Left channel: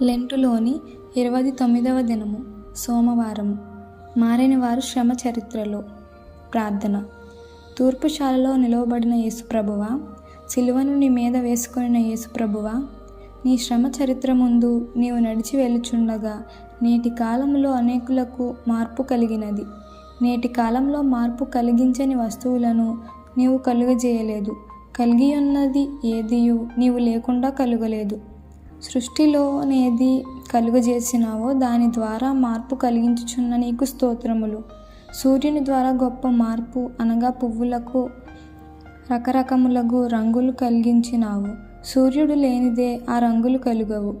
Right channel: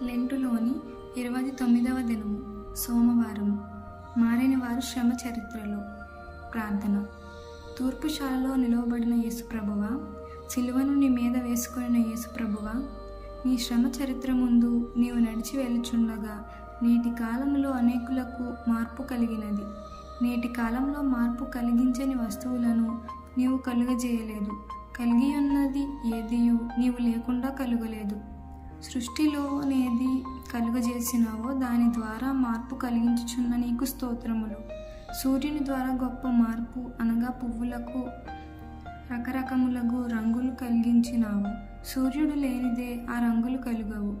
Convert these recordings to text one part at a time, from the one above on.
లెంటులోని 29వ దినము సోమవారము. మారని వారు శ్రమ చరిత్రలో ప్రార్థన. తూర్పుశాలలో నిలవబడిన యేసుప్రభువా, సిలువను నీ మీద వేసుకొనిన యేసుప్రభువా, నీ శ్రమ చరిత్ర ముందు నీవు నడిచి వెళ్ళుచుండగా నేటి కాలంలో అనేకులకు మార్పు కలిగినది. నేటి కాలంలో మార్పు కలిగించని వస్తువులను నీవు కలుగజేయలేదు. కలిగియున్నది ఏదియు నీవు లేకుండా కలుగలేదు. సృష్టిలోనేది కలుగజేసినావో దాని ద్వారా మార్పు కలిగించుచున్న నీకు స్తోత్రములు. సూర్యుని ద్వారా గొప్ప మార్పు అనగా పువ్వులకు రకరకములగు రంగులు కలిగించినావు. సూర్యుడు లేనిదే ఆ రంగులు కలుగవు.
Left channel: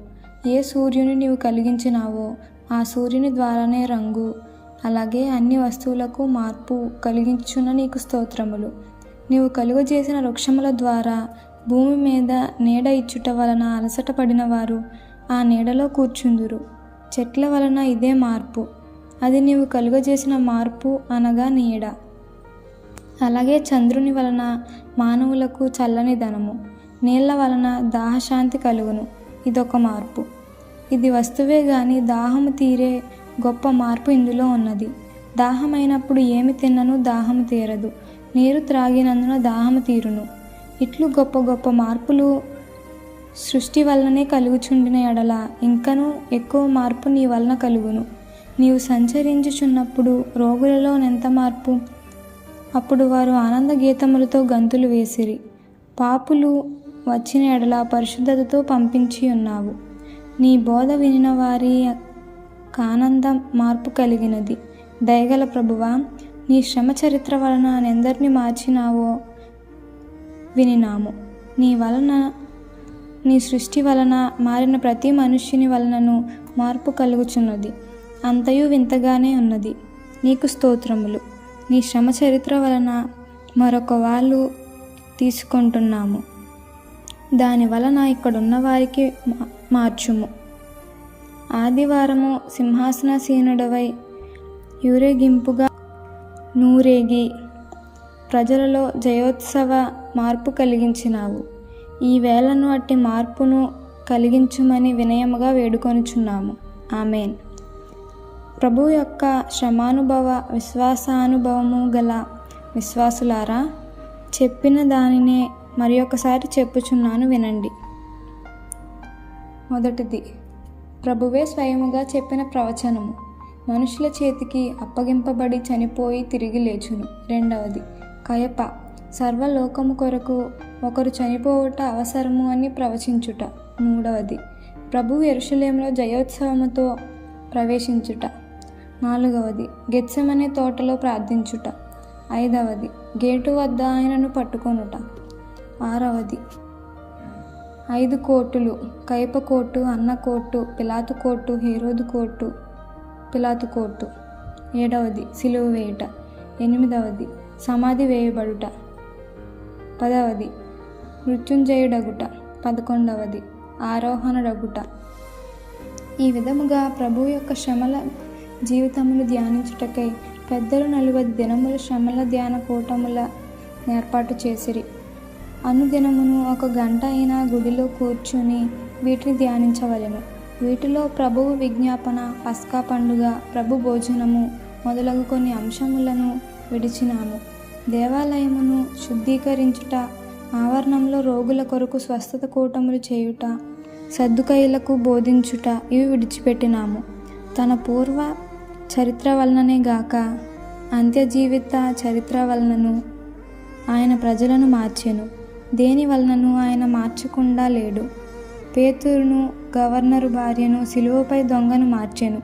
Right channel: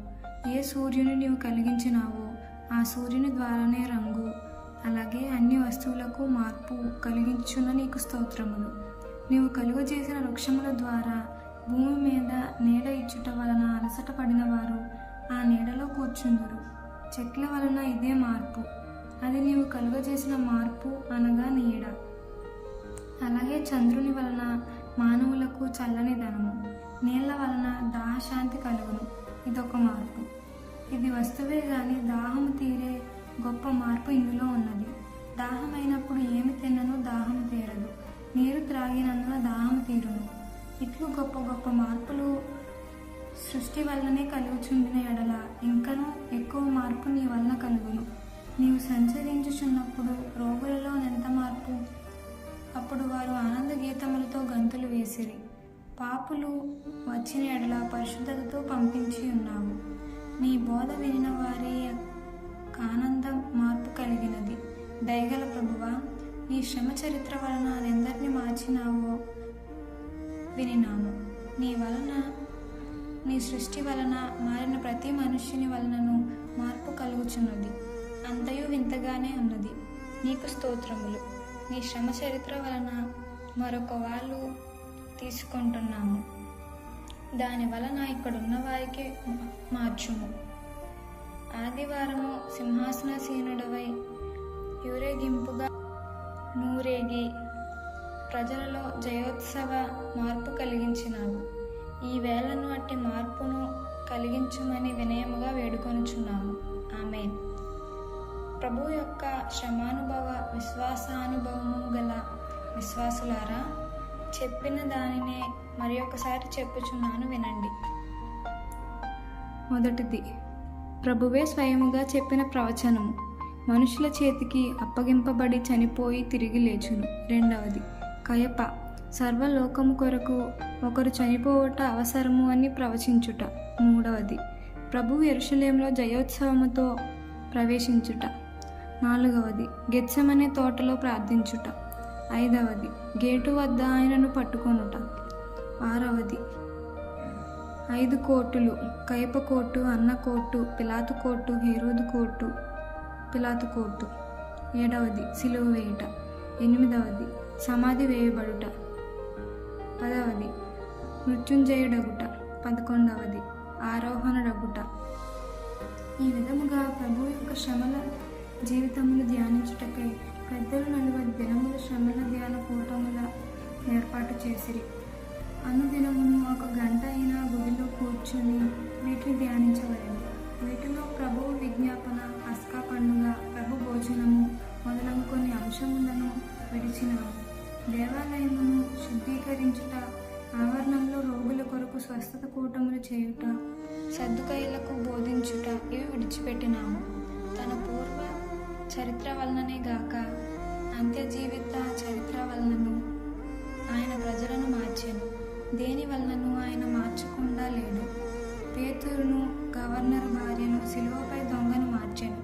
ఏ సూర్యుని నీవు కలిగించినావో ఆ సూర్యుని ద్వారానే రంగు. అలాగే అన్ని వస్తువులకు మార్పు కలిగించున్న నీకు స్తోత్రములు. నీవు కలుగజేసిన వృక్షముల ద్వారా భూమి మీద నీడ ఇచ్చుట వలన అలసట పడిన వారు ఆ నీడలో కూర్చుందురు. చెట్ల వలన ఇదే మార్పు, అది నీవు కలుగజేసిన మార్పు అనగా నీడ. అలాగే చంద్రుని వలన మానవులకు చల్లని ధనము, నీళ్ల వలన దాహశాంతి కలుగును. ఇదొక మార్పు. ఇది వస్తువే గాని దాహము తీరే గొప్ప మార్పు ఇందులో ఉన్నది. దాహమైనప్పుడు ఏమి తిన్నను దాహము తీరదు. నీరు త్రాగినందున దాహము తీరును. ఇట్లు గొప్ప గొప్ప మార్పులు సృష్టి వలననే కలుగుచుండిన ఎడల ఇంకనూ ఎక్కువ మార్పు నీ వలన కలుగును. నీవు సంచరించుచున్నప్పుడు రోగులలో ఎంత మార్పు! అప్పుడు వారు ఆనంద గీతములతో గంతులు వేసిరి. పాపులు వచ్చిన ఎడల పరిశుద్ధతతో పంపించి ఉన్నావు. నీ బోధ వినిన వారి ఆనందం మార్పు కలిగినది. దయగల ప్రభువా, నీ శ్రమ చరిత్ర వలన ఎందరిని మార్చినావో వినినాము. నీ సృష్టి వలన మారిన ప్రతి మనుష్యుని వలనను మార్పు కలుగుచున్నది. అంతయు వింతగానే ఉన్నది. నీకు స్తోత్రములు. నీ శ్రమ చరిత్ర వలన మరొక వాళ్ళు తీసుకుంటున్నాము. దాని వలన ఇక్కడున్న వారికి మార్చుము. ఆదివారము సింహాసనాసీనుడవై ఊరేగింపుగా నూరేగి ప్రజలలో జయోత్సవ మార్పు కలిగించినావు. ఈ వేళను అట్టి మార్పును కలిగించుమని వినయముగా వేడుకొనుచున్నాము. ఆమేన్. ప్రభు యొక్క శ్రమానుభవ విశ్వాసానుభవము గల విశ్వాసులారా, చెప్పిన దానినే మరి ఒకసారి చెప్పుచున్నాను, వినండి. మొదటిది, ప్రభువే స్వయముగా చెప్పిన ప్రవచనము మనుషుల చేతికి అప్పగింపబడి చనిపోయి తిరిగి లేచును. రెండవది, కయప సర్వలోకము కొరకు ఒకరు చనిపోవుట అవసరము అని ప్రవచించుట. మూడవది, ప్రభువు యెరూషలేములో జయోత్సవముతో ప్రవేశించుట. నాలుగవది, గెత్సెమనే తోటలో ప్రార్థించుట. ఐదవది, గేటు వద్ద ఆయనను పట్టుకొనుట. ఆరవది, 5 కోటులు, కయప కోటు, అన్న కోటు, పిలాతు కోటు, హేరోదు కోటు, పిలాతు కోటు. 7వది, సిలువ వేయుట. 8వది, సమాధి వేయబడుట. 10వది, మృత్యుంజయుడగుట. 11వది, ఆరోహణడగుట. ఈ విధముగా ప్రభు యొక్క శ్రమల జీవితములు ధ్యానించుటకై పెద్దలు 40 దినముల శ్రమల ధ్యాన కూటముల ఏర్పాటు చేసిరి. అనుదినమును 1 గంట అయినా గుడిలో కూర్చుని వీటిని ధ్యానించవలెను. వీటిలో ప్రభువు విజ్ఞాపన, పస్కా పండుగ, ప్రభు భోజనము మొదలగు కొన్ని అంశములను విడిచినాము. దేవాలయమును శుద్ధీకరించుట, ఆవరణంలో రోగుల కొరకు స్వస్థత కూటములు చేయుట, సద్దుకయ్యులకు బోధించుట ఇవి విడిచిపెట్టినాము. తన పూర్వ చరిత్ర వలననే గాక అంత్య జీవిత చరిత్ర వలనను ఆయన ప్రజలను మార్చెను. దేని వలనను ఆయన మార్చకుండా లేడు. పేతురును, గవర్నరు భార్యను, సిలువపై దొంగను మార్చెను.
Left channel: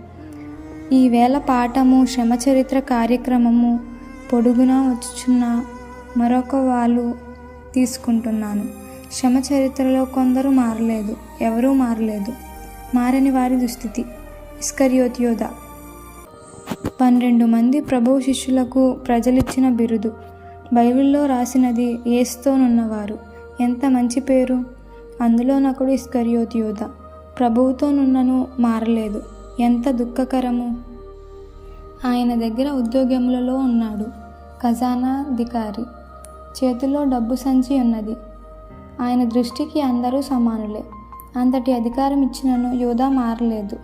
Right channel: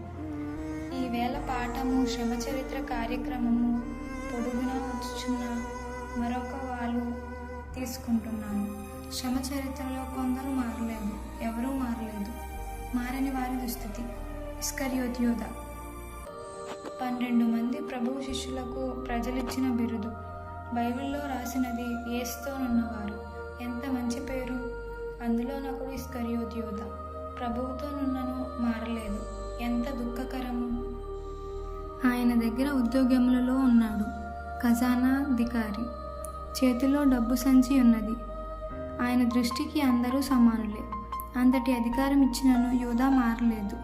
ఈ వేళ పాఠము శ్రమ చరిత్ర కార్యక్రమము పొడుగునా వచ్చుచున్న మరొక వాళ్ళు తీసుకుంటున్నాను. శ్రమ చరిత్రలో కొందరు మారలేదు, ఎవరూ మారలేదు. మారని వారి దుస్థితి. ఇస్కరియోతు యోధ. 12 మంది ప్రభువు శిష్యులకు ప్రజలిచ్చిన బిరుదు. బైబిల్లో రాసినది యేసుతోనున్నవారు. ఎంత మంచి పేరు! అందులోనొకడు ఇస్కరియోతు యోధ. ప్రభువుతోనున్నను మారలేదు. ఎంత దుఃఖకరము! ఆయన దగ్గర ఉద్యోగములలో ఉన్నాడు. ఖజానాధికారి చేతిలో డబ్బు సంచి ఉన్నది. ఆయన దృష్టికి అందరూ సమానులే. అంతటి అధికారం ఇచ్చినను యూదా మారలేదు.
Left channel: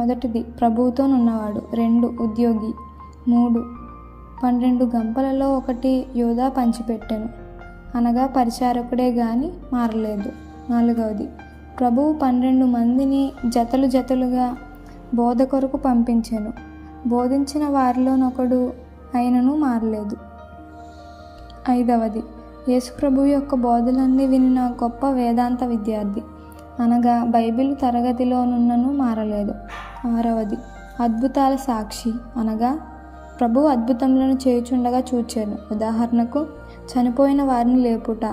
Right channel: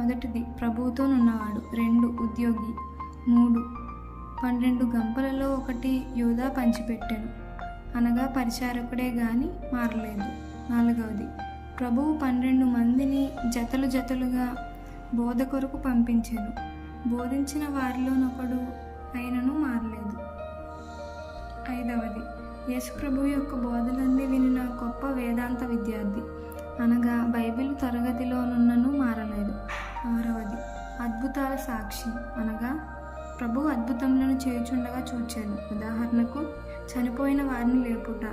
1 ప్రభువుతోనున్నవాడు, 2 ఉద్యోగి, 3 12 గంపలలో 1 యూదా పంచిపెట్టెను, అనగా పరిచారకుడే గాని మారలేదు. 4 ప్రభువు 12 మందిని జతలు జతలుగా బోధ కొరకు పంపించెను, బోధించిన వారిలోనొకడు అయినను మారలేదు. 5 యేసు ప్రభువు యొక్క బోధలన్నీ వినిన గొప్ప వేదాంత విద్యార్థి, అనగా బైబిల్ తరగతిలోనున్నను మారలేదు. 6 అద్భుతాల సాక్షి, అనగా ప్రభువు అద్భుతములను చేయుచుండగా చూచాను. ఉదాహరణకు చనిపోయిన వారిని లేపుట,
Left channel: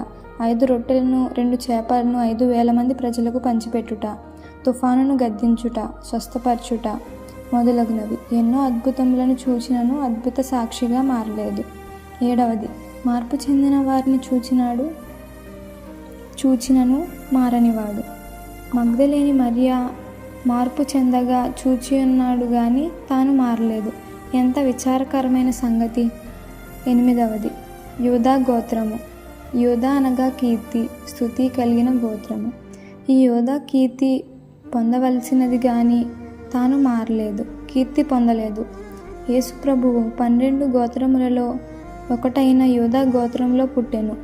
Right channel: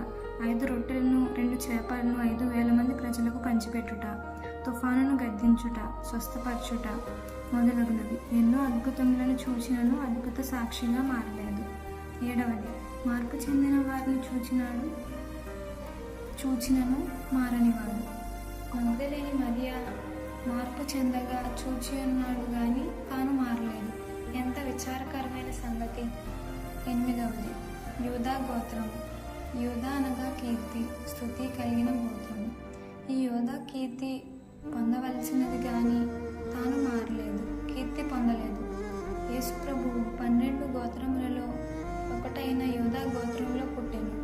5 రొట్టెలను 2 చేపలను 5,000 మంది ప్రజలకు పంచిపెట్టుట, తుఫానును గద్దించుట, స్వస్థపరచుట మొదలగునవి. ఎన్నో అద్భుతములను చూచినను అద్భుత సాక్షిగా మారలేదు. 7 మార్పు చెందిన వారిని చూచినను మారనివాడు. మగ్దలేని మరియా మార్పు చెందగా చూచి ఉన్నాడు గాని తాను మారలేదు. ఎంత విచారకరమైన సంగతి. 8 యూదా గోత్రము. యూదా అనగా కీర్తి, స్తుతి కలిగిన గోత్రము. ఈ యూదా కీర్తి పొందవలసినది గాని తాను మారలేదు, కీర్తి పొందలేదు. యేసు ప్రభువు 12 గోత్రములలో ఒకటైన యూదా గోత్రంలో పుట్టెను.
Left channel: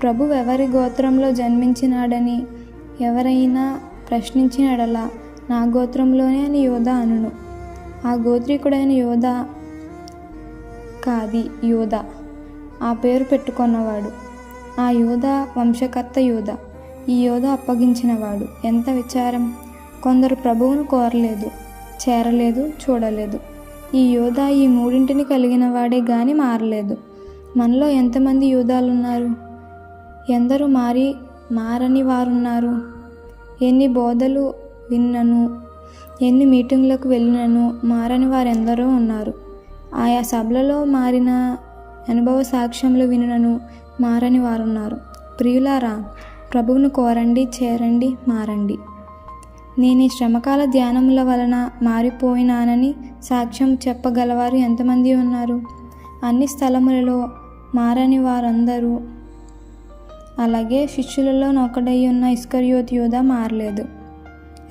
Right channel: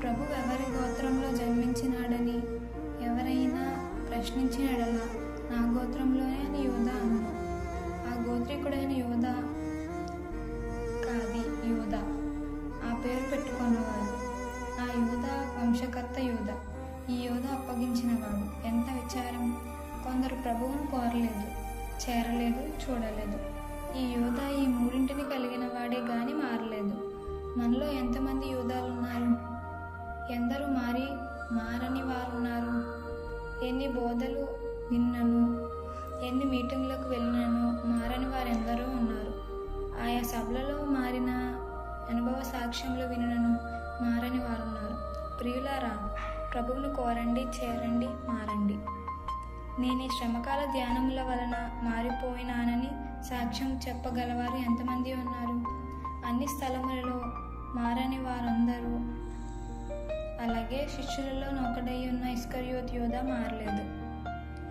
ప్రభువు ఎవరి గోత్రంలో జన్మించినాడని ఎవరైనా ప్రశ్నించిన ఎడల నా గోత్రంలోనే అని యూదా అనును. ఆ గోత్రీకుడైన యూదా కాది యూదా ఆ పేరు పెట్టుకొన్నవాడు. ఆ యూదా వంశకర్త యూదా. ఈ యూదా అప్పగించినవాడు. ఎంత విచారం! కొందరు ప్రభువును కోరలేదు, చేరలేదు, చూడలేదు. ఈ యూదా ఈ మూడింటిని కలిగిన వాడే గాని మారలేదు. మనలో ఎంతమంది యూదాలున్నారు? ఎందరూ మారని వారున్నారు? ఎన్ని బోధలు విన్నను, ఎన్ని మీటింగులకు వెళ్ళినను మారని వారెందరో ఉన్నారు. ఆయా సభలలో మారిన అనుభవ సాక్ష్యములు వినను మారని వారున్నారు. ప్రియులారా, ప్రభువును కోరండి, చేరండి, మారండి. నేను ఈ శ్రమకాల ధ్యానముల వలన మారిపోయినానని సాక్ష్యం చెప్పగలవారు ఎంతమంది ఉన్నారు? అన్ని స్థలములలో మారని వారందరూ. అలాగే శిష్యులలో ఒకడై ఉన్న ఇస్కరియోతు యూదా మారలేదు.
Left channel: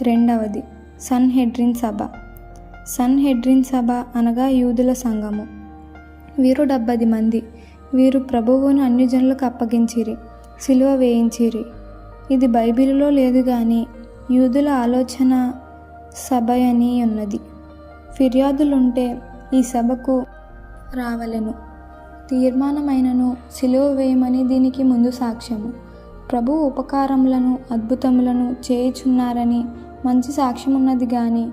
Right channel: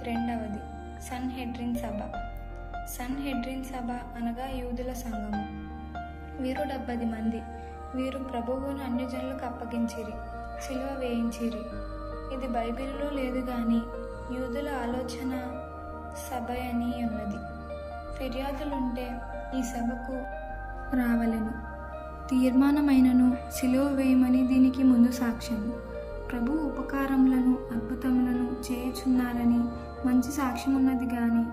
2 సన్హెడ్రిన్ సభ. సన్హెడ్రిన్ సభ అనగా యూదుల సంఘము. వీరు 70 మంది. వీరు ప్రభువును అన్యజనులకు అప్పగించిరి, సిలువ వేయించిరి. ఇది బైబిలులో లేదు గాని యూదుల ఆలోచన సభ అని ఉన్నది. ఫిర్యాదులుంటే ఈ సభకు రావలెను. తీర్మానమైనను సిలువ వేయమని దీనికి ముందు సాక్ష్యము. ప్రభువు ఉపకారములను అద్భుతములను చేయుచున్నారని మంచి సాక్ష్యమున్నది గాని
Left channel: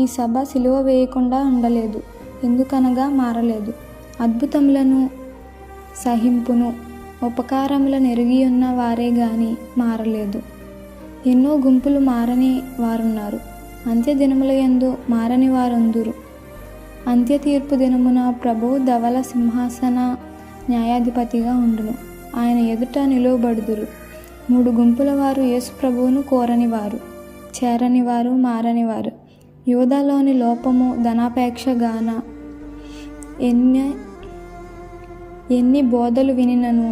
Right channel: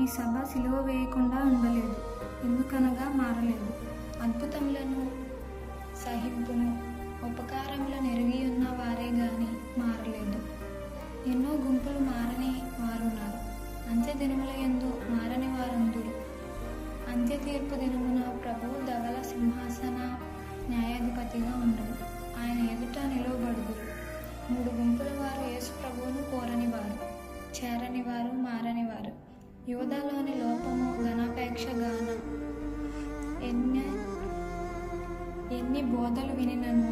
ఈ సభ సిలువ వేయకుండా ఉండలేదు. ఎందుకనగా మారలేదు. అద్భుతములను సహింపును ఉపకారములను ఎరిగి ఉన్న వారే గాని మారలేదు. ఎన్నో గుంపులు మారని వారున్నారు. అంత్యదినముల యందు మారని వారుందురు. అంత్య తీర్పు దినమున ప్రభువు ధవల సింహాసన న్యాయాధిపతిగా ఉండును. ఆయన ఎదుట నిలువబడుదురు. 3 గుంపుల వారు యేసు ప్రభువును కోరనివారు, చేరనివారు, మారనివారు. యూదాలోని లోపము ధనాపేక్ష గాన ఎన్ని బోధలు వినినను,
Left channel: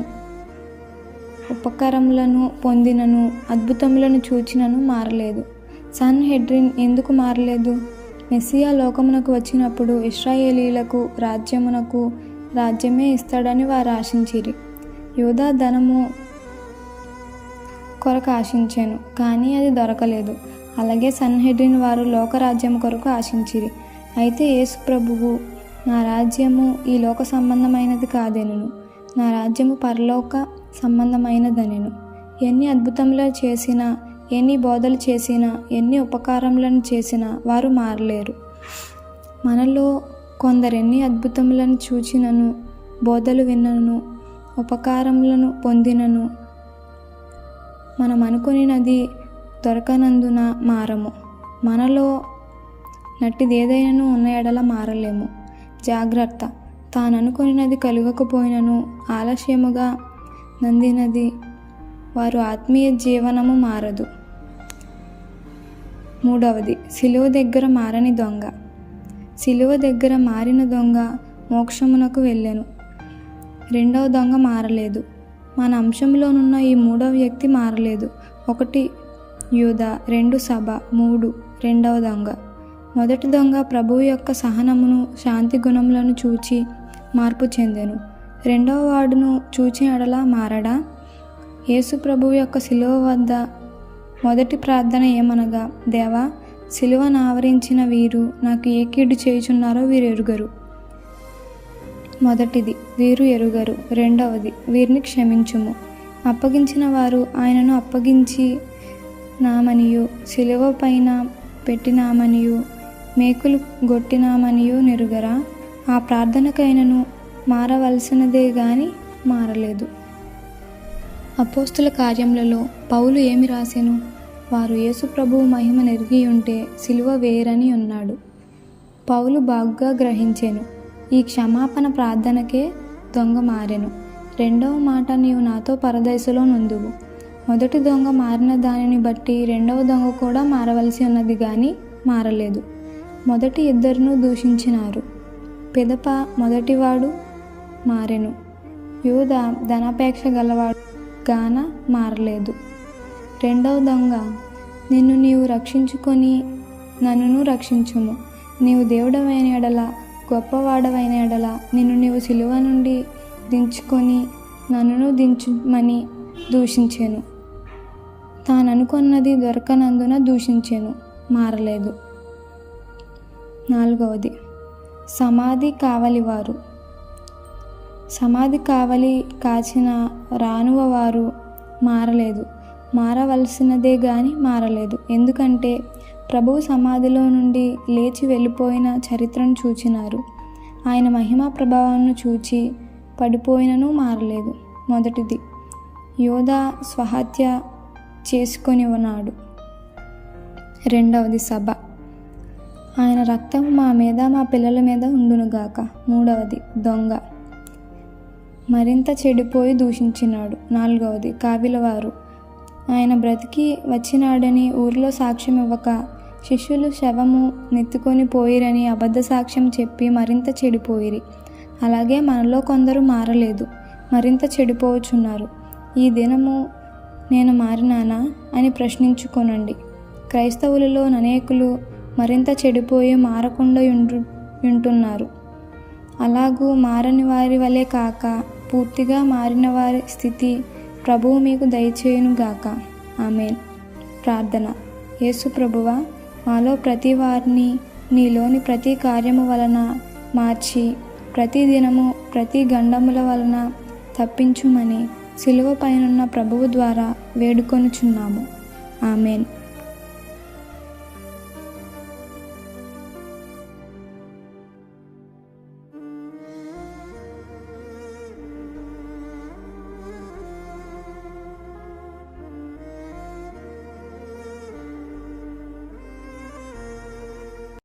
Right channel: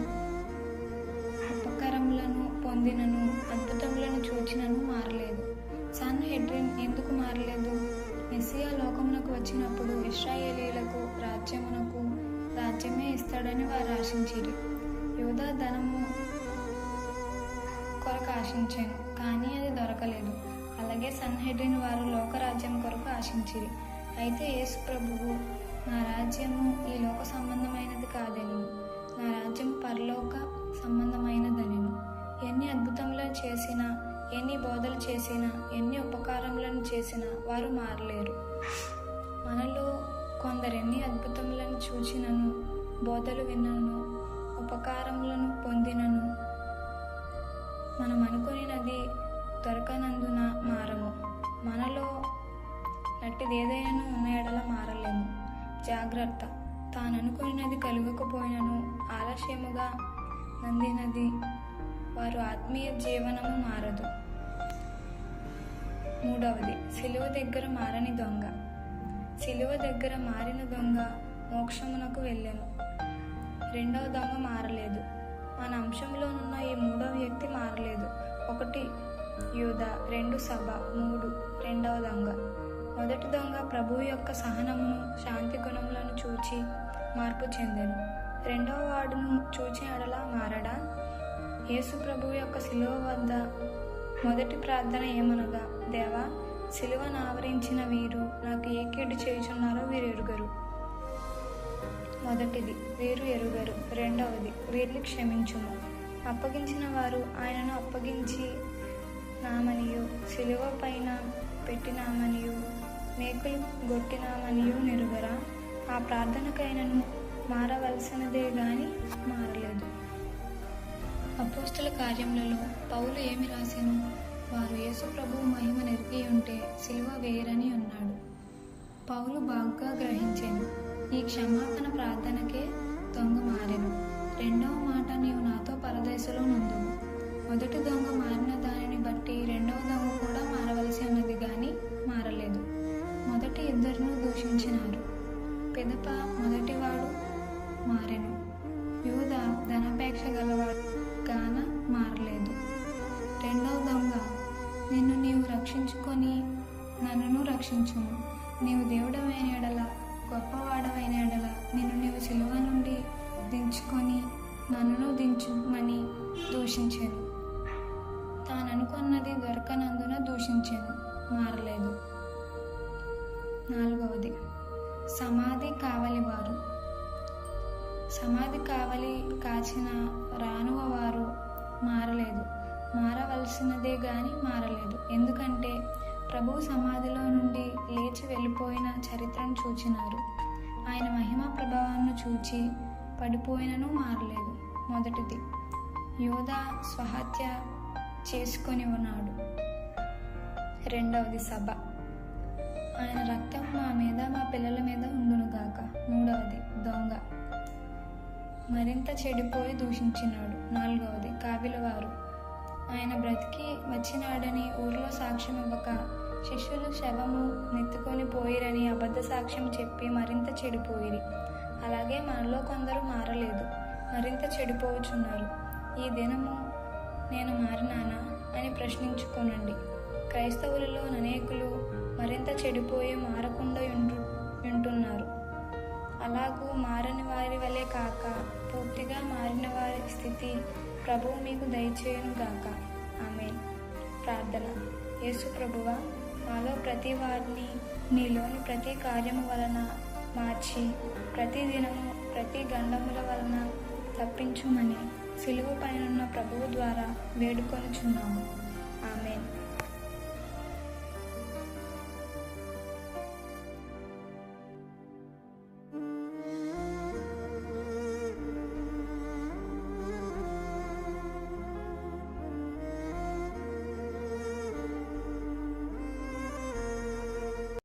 ఉపకారములను పొందినను, అద్భుతములను చూచినను మారలేదు. సన్హెడ్రిన్ ఎందుకు మారలేదు? మెస్సియా లోకమునకు వచ్చినప్పుడు ఇశ్రాయేలీలకు రాజ్యమే ఇస్తాడని వారు ఆశించిరి. యూదా ధనము కొరకు ఆశించాను, కానీ అది దొరకలేదు. అలాగే సన్హెడ్రిన్ వారు లోకరాజ్యం కొరకు ఆశించిరి. అయితే యేసు ప్రభువు, నా రాజ్యము ఈ లోక సంబంధమైనది కాదెనును, నా రాజ్యము పరలోక సంబంధమైనదనెను. ఎన్ని అద్భుతములు చేసినా, ఎన్ని బోధలు చేసినా, ఎన్ని ఉపకారములను చేసినా వారు మారలేరు. మనలో కొందరెన్ని అద్భుతములను చూచినను, బోధలు విన్నను, ఉపకారములను పొందినను మనం అనుకునినది దొరకనందున మారము. మనలో నట్టిదేదైనను ఉన్న ఎడల మారలేము. జాగ్రత్త! తాననుకొనినది కలుగకపోయినను ఆలస్యముగా నందినది వారు ఆత్మీయ జీవనము మారదు. 3 సిలువ దగ్గర మారని దొంగ. సిలువ దగ్గర మారిన దొంగ మోక్షమునకు వెళ్ళెను. 2వ దొంగ మారలేదు. మన అంశంలోనున్న ఈ 3వ వ్యక్తి మారలేదు. యూదా 2 సభ 3 రెండవ దొంగ. మొదటి దొంగ ప్రభువు యొక్క సహనమును శాంతి గుణములను చూచి మార్పు చెందెను. రెండవ వాడును చూచిన ఎడల మారడా? యేసు ప్రభువు యొక్క శిలువ వద్ద మొదటి ప్రార్థన ఏమనగా, దేవా, శిలువను ఆవరించిన వీరు నాకు ఏ కీడు చేయుచున్నారో వీరు ఎరుగరు. మొదటిది, వీరు ఎరుగరు. రెండవది, వీరిని క్షమించుము. అప్పగించిన వారు ఆయనను అప్పగించి నామనియు శిలువ పైన పెట్టినామనియు మేకులు గొట్టినామనియు నెరుగరా? ఆ ప్రార్థనకైనను మారవలసినదే గాని మారలేదు. అపోస్తుల కార్యములలో పౌలు ఏమి రాసెను? వారు యేసు ప్రభువు మహిమ నెరిగి ఉంటే శిలువ వేరని ఉన్నాడు. పౌలు బాగుగా గ్రహించెను. ఈ క్షమాపణ ప్రార్థనకే దొంగ మారెను. రెండవ మాట, నీవు నాతో పరదేశంలో నుందువు. మొదటి దొంగ మారిన దానిని బట్టి రెండవ దొంగ కూడా మారవలసి ఉన్నది కానీ మారలేదు. మొదటి ఇద్దరును దూషించినారు. పిదప మొదటివాడు మారెను. యూదా ధనాపేక్ష గలవాడు గాన మారలేదు. రెండవ దొంగ, నిన్ను నీవు రక్షించుకొని నన్నును రక్షించుము. నీవు దేవుడవైన ఎడల, గొప్పవాడవైన ఎడల నిన్ను నీవు సిలువ నుండి దించుకొని నన్నును దించుమని దూషించెను. తాననుకొన్నది దొరకనందున దూషించెను, మారలేదు. నాలుగవది, సమాధి కావలివారు. సమాధి కావలి కాచిన రానువవారు మారలేదు. మారవలసినదే గాని మారలేదు. ఎందుకంటే ప్రభువు సమాధిలో నుండి లేచి వెళ్ళిపోయిన చరిత్రను చూచినారు. ఆయన మహిమా ప్రభావాన్ని చూచి పడిపోయినను మారలేదు. మొదటిది, యూదా స్వహత్య చేసుకొని ఉన్నాడు. రెండవది, సభ. ఆయన రక్తం మా మీద మా పిల్లల మీద ఉండునుగాక. మూడవది, దొంగ మరింత చెడిపోయి దూషించినాడు. నాలుగవది, కావిలవారు. ఆయన బ్రతికి వచ్చినాడని ఊరిలో సాక్ష్యం ఇవ్వక శిష్యులు శవము నెత్తుకొని పోయిరని అబద్ధ సాక్ష్యం చెప్పి మరింత చెడిపోయిరి. అలాగే మనలో కొందరు మారలేదు, మరింత చెడిపోవచ్చున్నారు. ఈ దినము నేను మారినానా అని ప్రశ్నించుకొనండి. క్రైస్తవులలో అనేకులు మరింత చెడిపోయి మారకుండా ఉంటున్నారు. అలాగూ మారని వారి వలె కాక పూర్తిగా మారిన వారి స్థితి ప్రభువు మీకు దయచేయునుగాక. ఆమేన్. ప్రార్థన. యేసు ప్రభువా, మాలో ప్రతి వారిని నీలోని ప్రతి కార్యము వలన మార్చి ప్రతి దినము ప్రతి గండముల వలన తప్పించుమని సిలువ పైనున్న ప్రభువు ద్వారా వేడుకొనుచున్నాము. ఆమేన్.